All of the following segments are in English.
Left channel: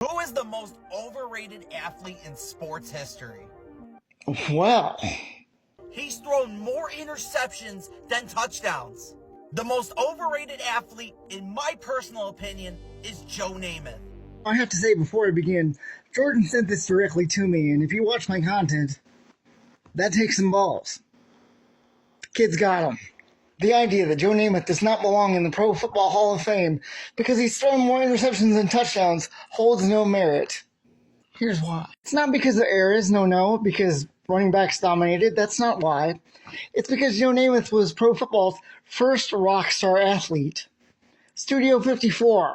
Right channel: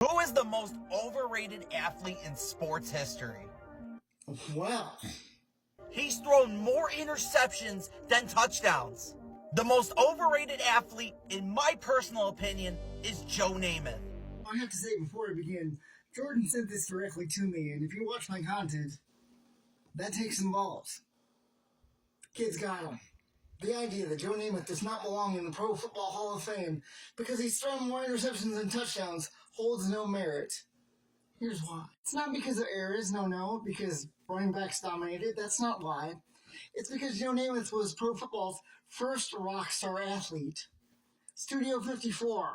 Who is the most overrated athlete in sports history? Well, He's thrown more interceptions than touchdowns. The most overrated athlete, in my personal opinion, is Joe Namath. I have to say before I begin, Jordan sent this directly to me, and if you watch my content, that takes some balls. The kid's got him. The idea that Joe Namath does not belong in the Pro Football Hall of Fame because he's thrown more interceptions than touchdowns holds no merit. Here's why. It's not because of errors, no, because running backs dominated. That's not why. It's because Joe Namath was Pro Football's first rock star athlete. Studio 54,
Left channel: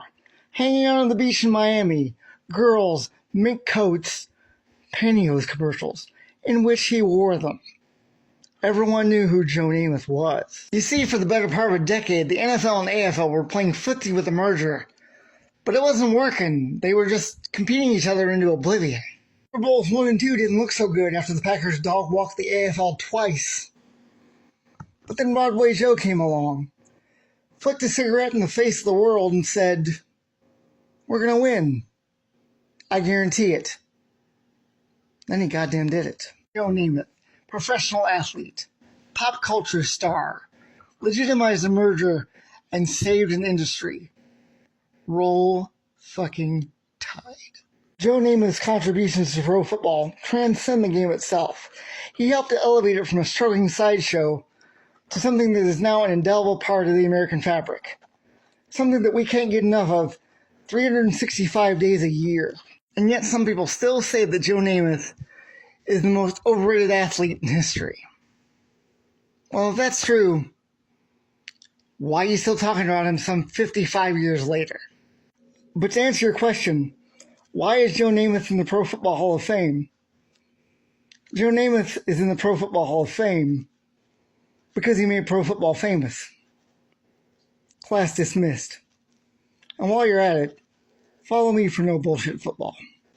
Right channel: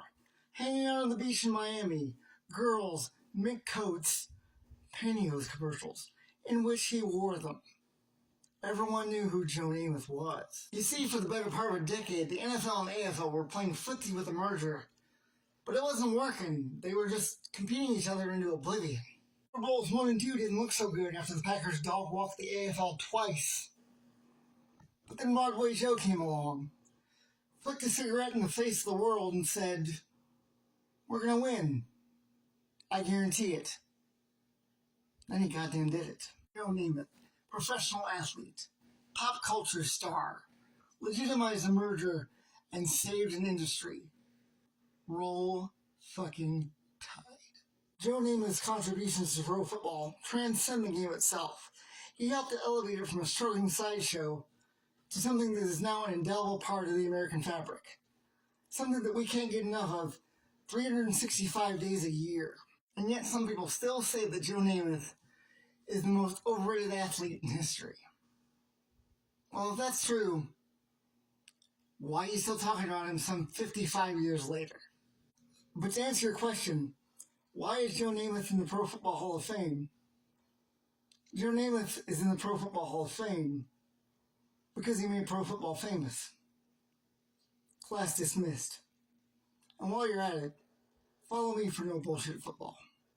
hanging out on the beach in Miami, girls, mink coats, pantyhose commercials, in which he wore them. Everyone knew who Joe Namath was. You see, for the better part of a decade, the NFL and AFL were playing footsie with the merger. But it wasn't working. They were just competing each other into oblivion. Super Bowls 1 and 2 didn't look so good after the Packers dog-walked the AFL twice. But then Broadway Joe came along, flicked a cigarette in the face of the world and said, "We're gonna win. I guarantee it." Then he goddamn did it. Joe Namath, professional athlete, pop culture star, legitimized the merger and saved an industry. Roll fucking Tide. Joe Namath's contributions to pro football transcend the game itself. He helped to elevate it from a struggling sideshow to something that is now an indelible part of the American fabric. Something that we can't get enough of 365 days a year. And yet some people still say that Joe Namath is the most overrated athlete in history. Well, if that's true, why are you still talking about him some 55 years later? But to answer your question, why is Joe Namath in the Pro Football Hall of Fame? Joe Namath is in the Pro Football Hall of Fame because he made pro football famous. Class dismissed. And while you're at it, follow me for no bullshit football.